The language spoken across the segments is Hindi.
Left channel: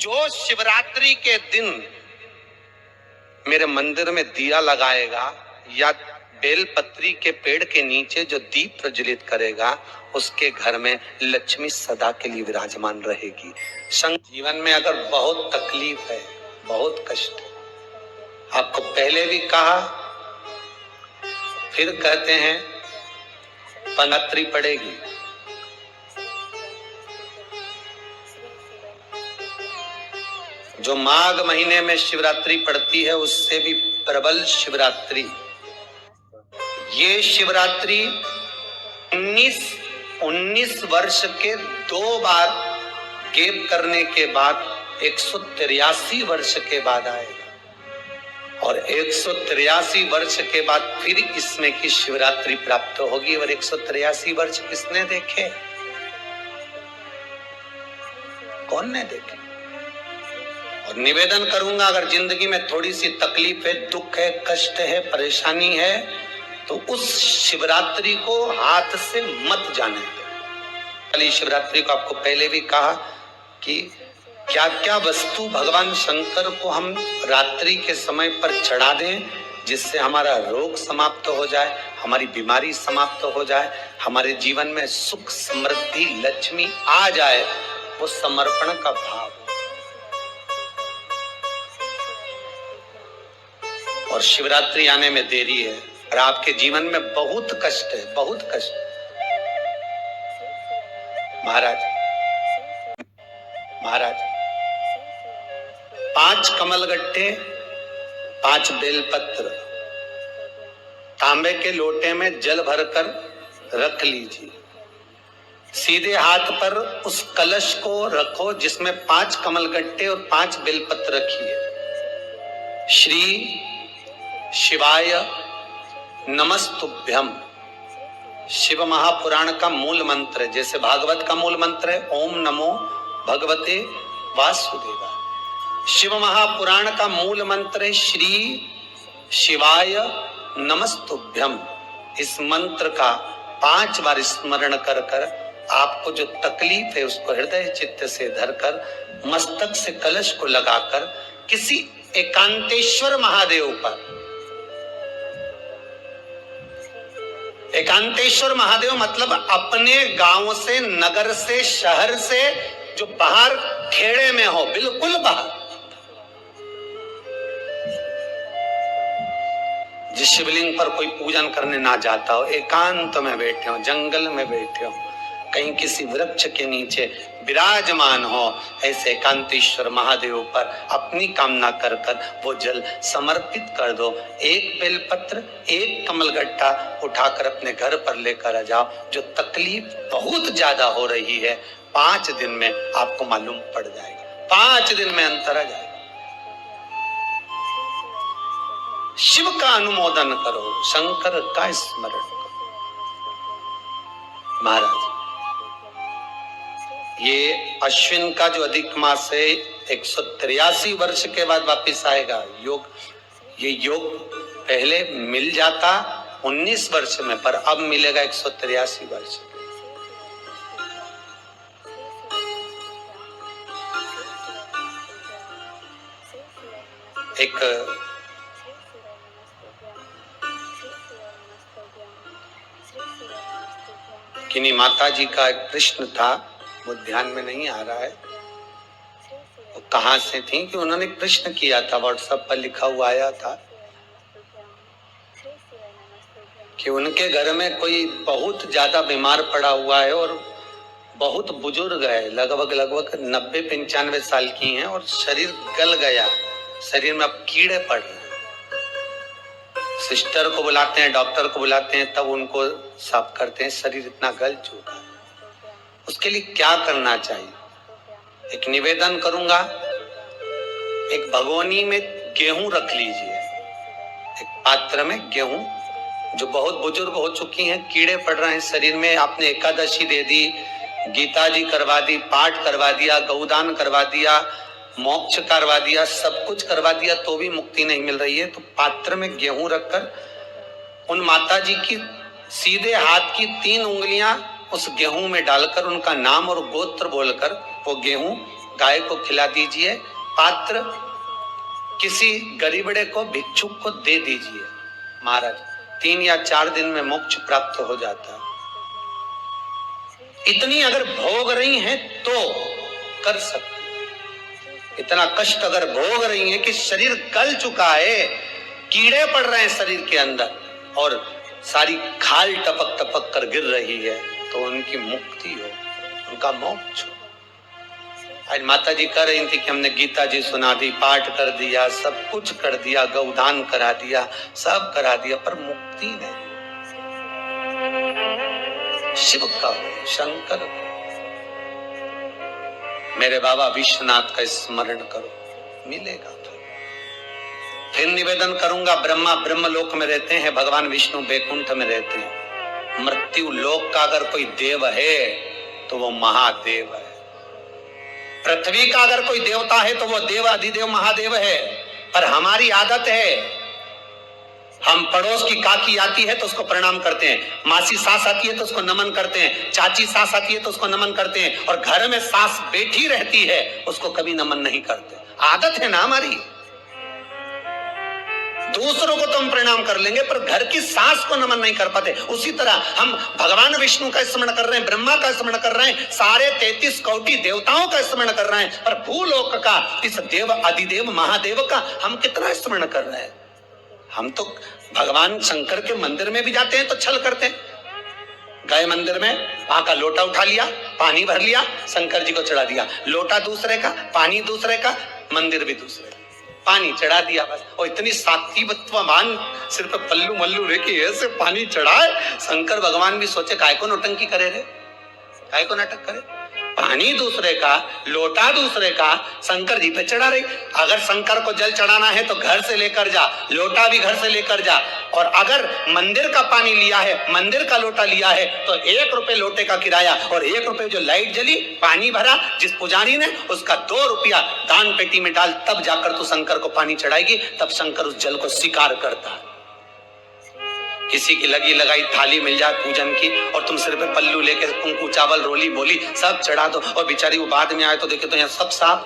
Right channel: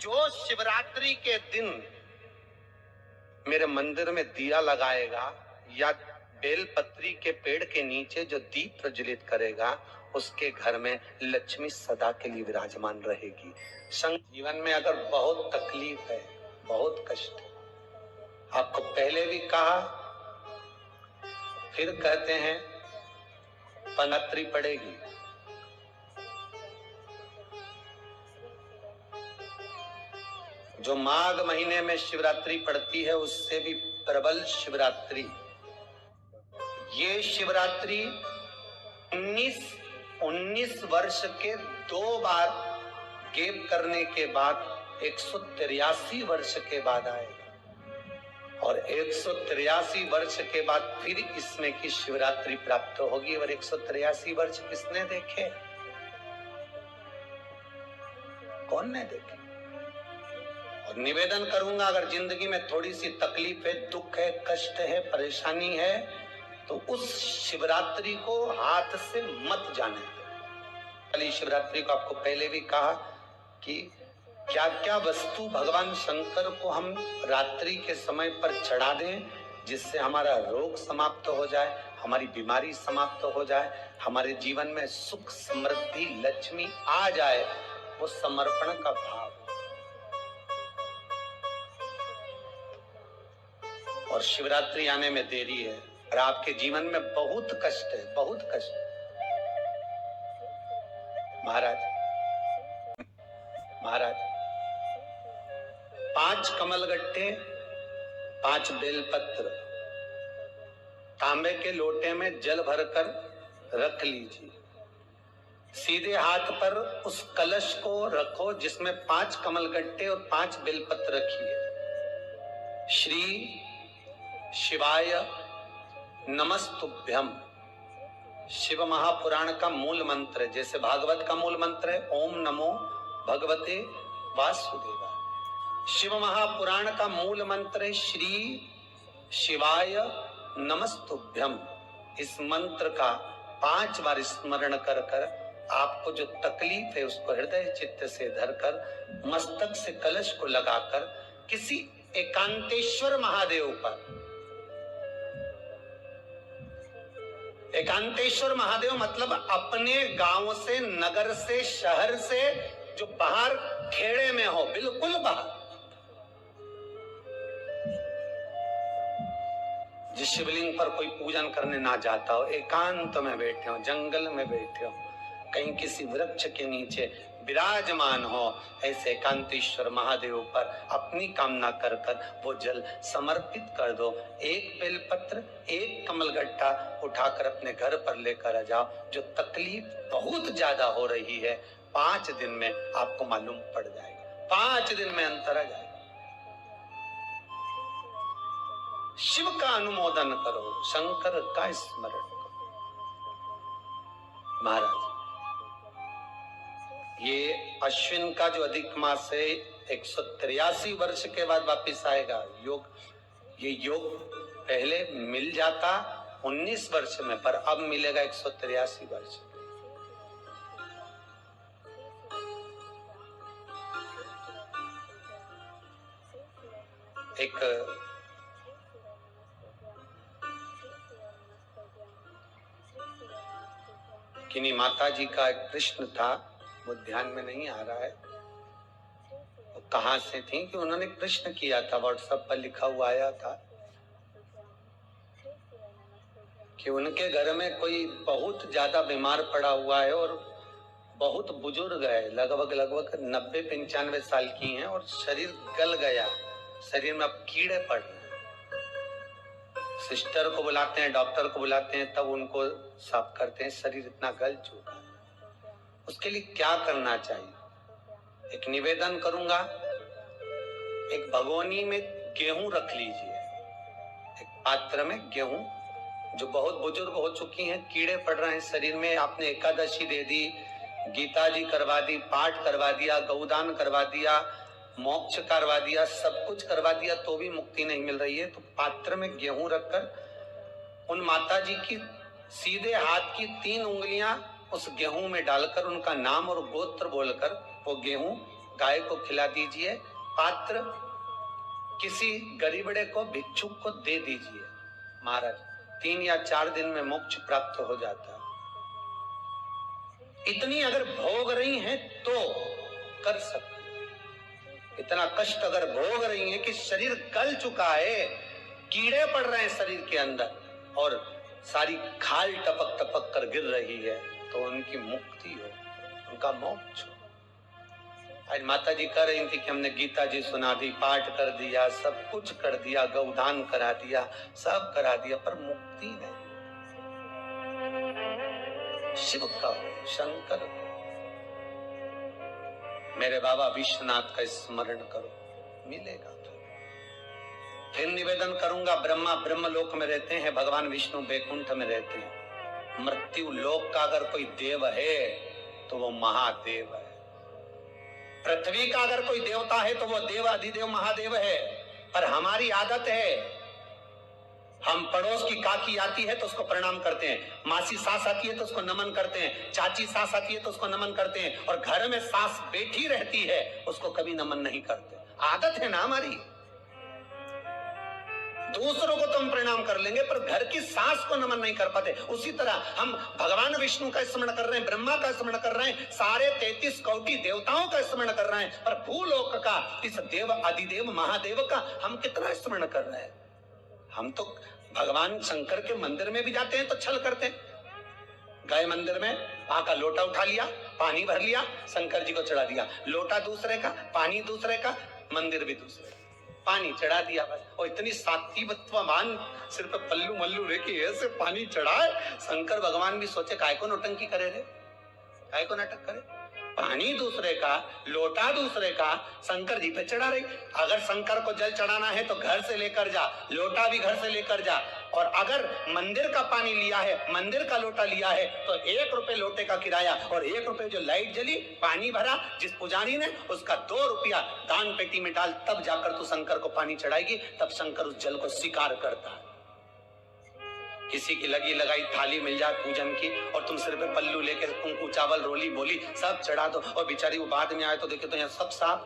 जो शिवरात्रि के दिन मेरे मंदिर में दिया लगाएगा या बेलपत्री के पेड़ के नीचे जो दीप प्रज्वलित करेगा, उसके घर में लक्ष्मी सदा के लिए विराजमान रहेगी। जीवन में अगर बहुत तकलीफ है, बहुत कष्ट है, आपको पहले भी कहा, फिर कहते हैं, पनत्री पड़ेगी। जो माघ महीने में शिवरात्रि पड़ती है, उससे भी प्रबल शिवरात्रि। ये शिवरात्रि 19 वर्ष के 2 बार गैप करने के बाद 183 वर्ष के बाद आएगा, और 183 वर्ष के बाद फिर इसमें की शिवरात्रि प्राप्त होगी। और 183 वर्ष किसने देखे? कौन ने देखे? और निवेदन करूंगा, अगर जिंदगी में थोड़ी सी तकलीफ है, दुख है, कष्ट है, परेशानी है, तो उस शिवरात्रि को हाथ से मत जाने दो। कल शिवरात्रि को आपको पहले भी कहा कि क्या क्या वस्तु भगवान शंकर को हम रात्रि के समय पर चढ़ा दें, जिससे हमारा रोग समाप्त हो जाए, हमारी बीमारी समाप्त हो जाए, हमारे जीवन में सुख समृद्धि लक्ष्मी आ जाए। वो समर्पण का भाव। और शिवरात्रि आने में देरी है और आपके जीवन में बहुत कष्ट है, बहुत कष्ट। महाराज 5 कमलगट्टे, 5 बेलपत्र तांबे के लोटे में जल भरकर रख लीजिए। सीधे हाथ पर उस कलश को रखो जिसमें 5 कमलगट्टे और 5 बेलपत्र रखिए। श्री शिवाय नमस्तुभ्यम शिव महापुराण का मूल मंत्र है, जैसे भागवत का मूल मंत्र है ओम नमो भगवते वासुदेवाय। शिव महापुराण का मूल मंत्र है श्री शिवाय नमस्तुभ्यम। इस मंत्र का 5 बार स्मरण कर कर आपको जो तकलीफ है उसको हृदय चित्त से धरकर मस्तक से कलश को लगाकर किसी एकांतेश्वर महादेव पर, एकांतेश्वर महादेव मतलब अपने गांव से, नगर से, शहर से जो बाहर खेड़े में हो, बिल्कुल बाहर, जिस शिवलिंग पर कोई पूजन करने ना जाता हो, एकांत में बैठे हो, जंगल में बैठे हो, कहीं किसी वृक्ष के नीचे विराजमान हो, ऐसे एकांतेश्वर महादेव पर अपनी कामना कर कर वो जल समर्पित कर दो। 1 बेलपत्र, 1 कमलगट्टा उठाकर अपने घर पर लेकर आ जाओ। जो तकलीफ बहुत ज्यादा हो रही है, 5 दिन में आपको मालूम पड़ जाएगा, 5 दिन में अंतर आ जाएगा। शिव का अनुमोदन करो, शंकर का स्मरण करो। महाराज, ये अश्विन का जो अधिक मास है 183 वर्ष के बाद वापिस आएगा। ये योग पहले मिल जाता 19 वर्ष में, पर अब मिलेगा 183 वर्ष। एक किन्हीं माता जी का एक प्रश्न था, वो ध्यान में नहीं आ रहा है वो कहां से थी, कि उन्होंने प्रश्न किया था, व्हाट्सएप पर लिखा हुआ आया था कि उनके घर में कोई बहुत ज्यादा बीमार पड़ा हुआ है और बहुत बुजुर्ग है, लगभग 90-95 साल की हैं और शरीर गल गया, शरीर में अब कीड़े पड़ रहे हैं। सिस्टर को बुलाते हैं, डॉक्टर को बुलाते हैं, तब उनको साफ करते हैं, शरीर इतना गल चुका है। उसके लिए क्या करना चाहिए? एक निवेदन करूंगा, एक भगोनी में गेहूं रख लीजिए, एक पात्र में गेहूं, जो बहुत बुजुर्ग हो चुकी हैं, कीड़े पड़ रहे हैं शरीर में, आपने एकादशी दे दी, गीता जी करवा दी, पाठ करवा दिया, गौदान करवा दिया, मोक्ष करवा दिया, सब कुछ करवा दिया, तो भी मुक्ति नहीं मिल रही है, तो पात्र में गेहूं रखकर उन माता जी की सीधे हाथ की 3 उंगलियां उस गेहूं में डालकर उनका नाम और गोत्र बोलकर वो गेहूं गाय को खिला दीजिए, पात्र किसी गरीबड़े को, भिक्षुक को दे दीजिए। महाराज 3 या 4 दिन में मोक्ष प्राप्त हो जाता है। इतनी अगर भोग रही हैं तो कर सकते। इतना कष्ट अगर भोग रही हैं कि शरीर गल चुका है, कीड़े पड़ रहे हैं शरीर के अंदर और सारी खाल टपक टपक कर गिर रही है, तो उनकी मुक्ति हो, उनका मोक्ष हो। आज माता जी कह रही थी कि हमने गीता जी सुना दी, पाठ कर दिया, सब कुछ कर दिया, गौदान करा दिया, सब करा दिया, पर मुक्ति नहीं। शिव का, शंकर का, मेरे बाबा विश्वनाथ का स्मरण करो, मिलेगा। फिर निवेदन करूंगा, ब्रह्मा ब्रह्मलोक में रहते हैं, भगवान विष्णु बैकुंठ में रहते हैं। मृत्यु लोक का अगर कोई देव है तो वो महादेव है। पृथ्वी का अगर कोई देवता है तो वो देव अधिदेव महादेव है। पर हमारी आदत है, हम पड़ोस की काकी आती है तो उसको प्रणाम करते हैं, मासी सास आती है तो उसको नमन करते हैं, चाची सास आती है तो उसको नमन करते हैं, और घर में सास बैठी रहती है उसको कभी नमन नहीं करते। आदत है ना हमारी। दूसरों को तो हम प्रणाम कर लेंगे पर घर की सास को नमन नहीं कर पाते। उसी तरह हम भगवान विष्णु का स्मरण कर रहे हैं, ब्रह्मा का स्मरण कर रहे हैं, सारे 33 कोटि देवताओं का स्मरण कर रहे हैं, पर भूलोक का इस देव अधिदेव महादेव का हम कितना स्मरण कर रहे हैं। हम तो भगवान शंकर के मंदिर में भी जाते हैं तो छल करते हैं। गए मंदिर में, वहां का लोटा उठा लिया, पानी भर लिया, शंकर जी को चढ़ा दिया। लोटा दूसरे का, पानी दूसरे का, मंदिर भी दूसरे का, पानी चढ़ा दिया बस। और इतनी सात्विकवान सिर पे पल्लू मल्लू रे कि ऐसे पानी चढ़ाए। शंकर भगवान भी सोचे काय को नौटंकी करे रे, काय को नाटक करे। पानी दूसरे का, लोटा दूसरे का, शंकर जी पे चढ़ा रही। अगर शंकर को जल चढ़ाना है तो घर से लेकर जा, लोटा भी घर से लेकर जा। और अगर मंदिर का पानी लिया है, मंदिर का लोटा लिया है तो 1 रुपए लोटे का किराया, और 1 रुपए जो लाइट जली, पानी भरा जिस पुजारी ने, उसका 2 रुपया दान पेटी में डाल, तब जाकर तू शंकर को पानी चढ़ाएगी। तब शंकर उस जल को स्वीकार करता है। किसी की लगी लगाई थाली मिल जाए पूजन की और तुम सिर पे पल्लू लेके कुंकू चावल रोली बोली सब चढ़ा दो, और बेचारी वो बाद में आए तो देखे तो यहाँ सब साफ,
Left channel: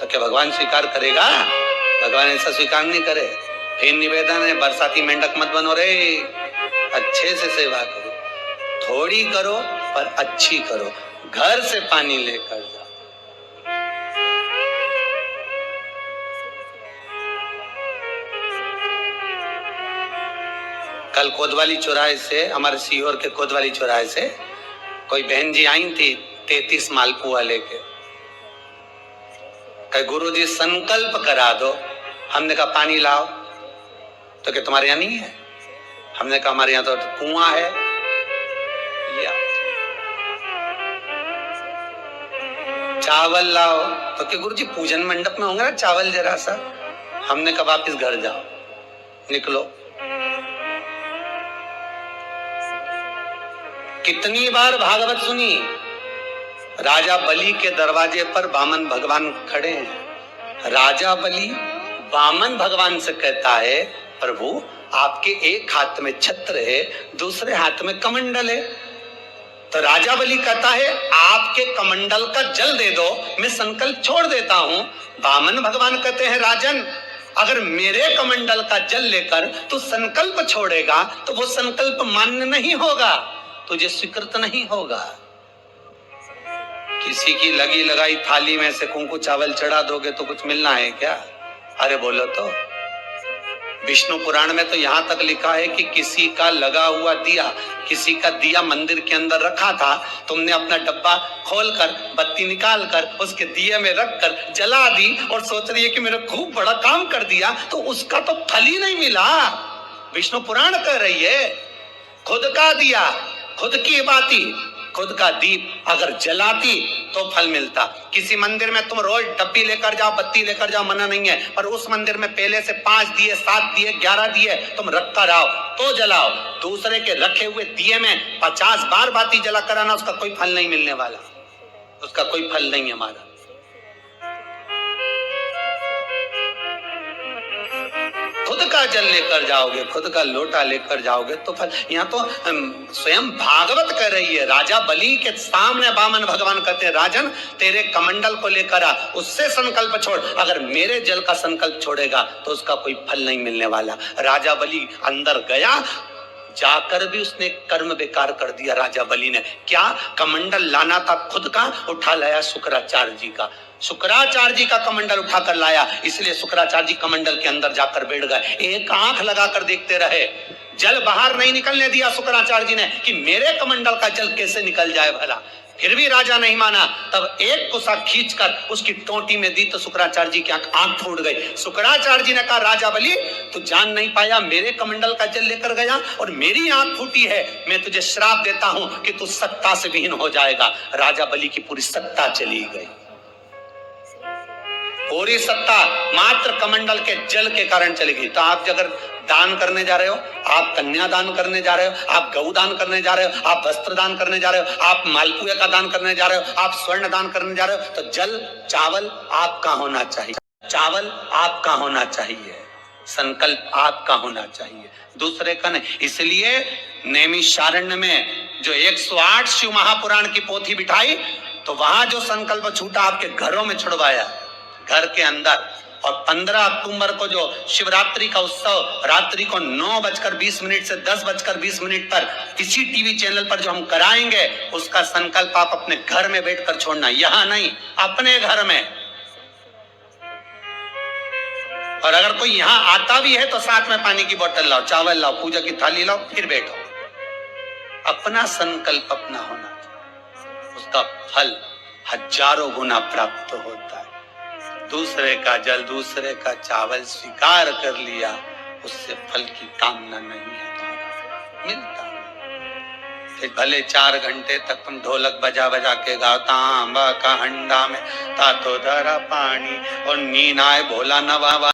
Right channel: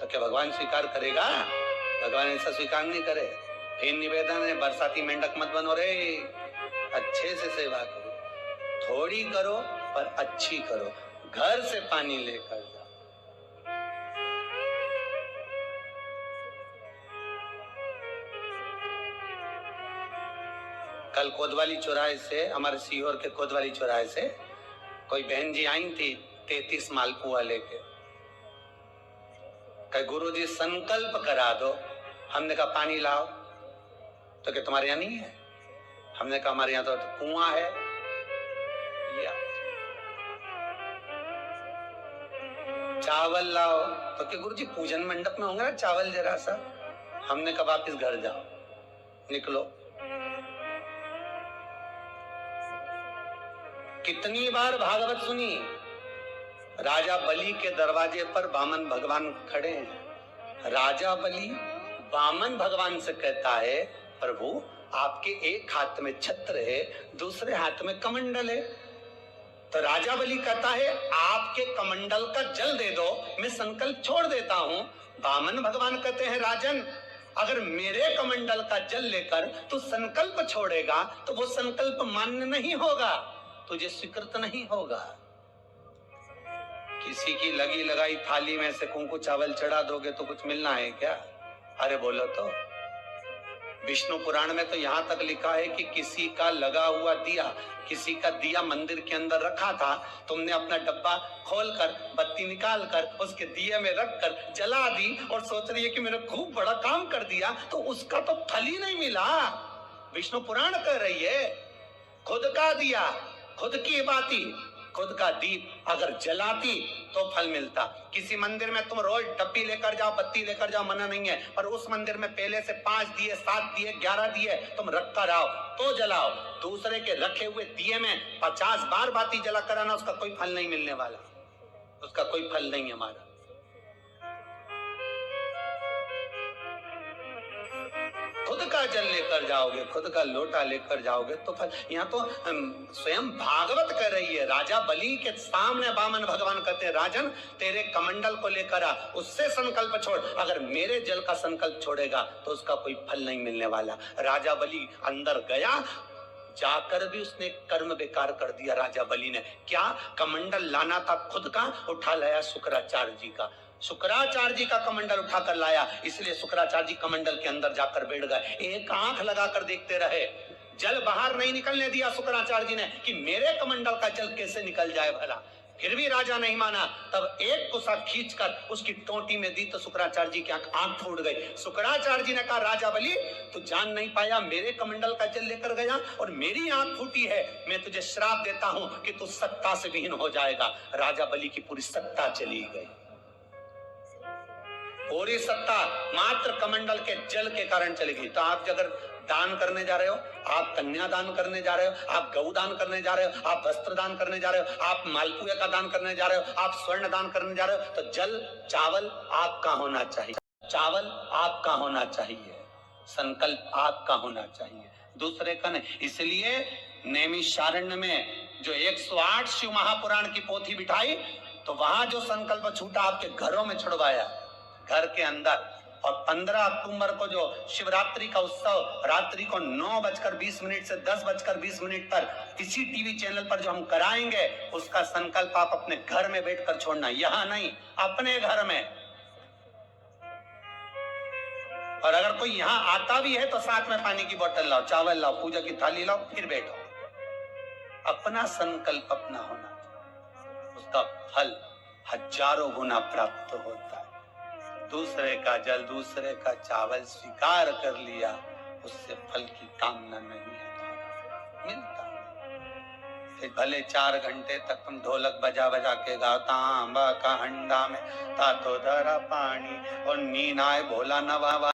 तो क्या भगवान स्वीकार करेगा? भगवान ऐसा स्वीकार नहीं करे। फिर निवेदन है, बरसाती मेंढक मत बनो रे, अच्छे से सेवा करो, थोड़ी करो पर अच्छी करो। घर से पानी लेकर जाओ। कल कोतवाली चौराहे से, हमारे सीहोर के कोतवाली चौराहे से कोई बहन जी आई थी 33 मालपुआ लेके। कहे गुरुजी संकल्प करा दो। हमने कहा पानी लाओ, तो क्या तुम्हारे यहाँ नहीं है? हमने कहा हमारे यहाँ तो कुआं है। चावल लाओ, तो क्या गुरुजी पूजन मंडप में होंगे ना चावल जरा सा। हमने कहा वापिस घर जाओ, निकलो। कितनी बार भागवत सुनी, राजा बलि के दरवाजे पर वामन भगवान खड़े हैं। राजा बलि वामन भगवान से कहता है, प्रभु आपके एक हाथ में छत्र है, दूसरे हाथ में कमंडल है। तो राजा बलि कहता है आपके कमंडल का जल दे दो, मैं संकल्प छोड़ देता हूं। वामन भगवान कहते हैं राजन, अगर मेरे कमंडल का जल लेकर तू संकल्प छोड़ेगा तो वो संकल्प मान्य नहीं होगा, तुझे स्वीकृत नहीं होगा। किसी की लगी लगाई थाली में से कुंकू चावल चढ़ा दोगे तो कुछ मिलना है क्या? अरे बोलो तो। विष्णु पुराण में तो यहां तक लिखा है कि किसी का लगा हुआ दिया, किसी का दिया मंदिर के अंदर रखा था, तुमने अपना डब्बा खोलकर बत्ती निकालकर उसके दिए में रखकर जला दी और सोच रही है कि मैंने खूब बड़ा काम कर दिया, तो उसका तो फल ही नहीं मिला। विष्णु पुराण कह रही है खुद का दिया, खुद की बाती, खुद का दीप अगर जलाती तो फल मिलता। किसी मंदिर में तुम रोज डब्बी लेकर जाओ, बत्ती लेकर जाओ, मना नहीं है, पर उस मंदिर में पहले से 5 दिए, 7 दिए, 11 दिए तुम रख कर आओ तो जलाओ। दूसरे के रखे हुए दिए में 50 बार बाती जला कर आना, उसका कोई फल नहीं मिलने वाला, उसका कोई फल नहीं है हमारा। खुद का का जल लेकर जाओगे, खुद का लोटा लेकर जाओगे तो फल। यहाँ तो स्वयं भागवत कह रही है, राजा बलि के सामने वामन भगवान कहते हैं, राजन तेरे कमंडल को लेकर आ, उससे संकल्प छोड़, अगर मेरे जल का संकल्प छोड़ेगा तो उसका कोई फल नहीं मिलने वाला। राजा बलि अंदर गया, जाकर भी उसने कर्म बेकार कर दिया। राजा बलि ने क्या, कमंडल लाना था खुद का, उठा लाया शुक्राचार्य जी का। शुक्राचार्य जी का कमंडल उठाकर लाया, इसलिए शुक्राचार्य जी कमंडल के अंदर जाकर बैठ गए, एक आंख लगाकर देखते रहे। जल बाहर नहीं निकलने दिया शुक्राचार्य जी ने कि मेरे कमंडल का जल कैसे निकल जाए भला। फिर भी राजा नहीं माना, तब एक कुसा खींचकर उसकी टोटी में दी तो शुक्राचार्य जी की आंख फूट गई। शुक्राचार्य जी ने कहा, राजा बलि तू जान नहीं पाया, मेरे कमंडल का जल लेकर गया और मेरी आंख फूटी है, मैं तुझे श्राप देता हूं कि तू सत्ता से विहीन हो जाएगा। राजा बलि की पूरी सत्ता चली गई, पूरी सत्ता मात्र कमंडल के जल के कारण चली गई। तो आप अगर दान करने जा रहे हो, आप कन्या दान करने जा रहे हो, आप गौ दान करने जा रहे हो, आप वस्त्र दान करने जा रहे हो, आप मालपुए का दान करने जा रहे हो, आप स्वर्ण दान करने जा रहे हो, तो जल चावल आपका होना चाहिए, चावल आपका होना चाहिए, संकल्प आपका होना चाहिए, दूसरे का नहीं। इसलिए नैमिषारण्य में जो 108 शिव महापुराण की पोथी बिठाई, तो वहां जो संकल्प छूटा आपके घरों में छुड़वाया, घर के अंदर। और 15 अक्टूबर को जो शिवरात्रि का उत्सव रात्रि को 9:20 से 10:20 पर इसी टीवी चैनल पर जो हम कराएंगे, उसका संकल्प आप अपने घर में बैठकर छोड़ना, यहां नहीं, अपने घर में। और अगर कोई यहां आता भी है तो साथ में पानी की बोतल लाओ, चावल लाओ, पूजा की थाली लाओ, फिर बैठो। अपना संकल्प अपना होना चाहिए, उसका फल हजारों गुना प्राप्त होता है। दूसरे का जल, दूसरे का चावल स्वीकार कर लिया, उससे फल की कामना नहीं है, मिलता है। फिर भले 4 घंटे तक तुम ढोलक बजा बजा के गाओ, तांबा का हंडा में तातो धरा पानी, और नीन आए भोला नवा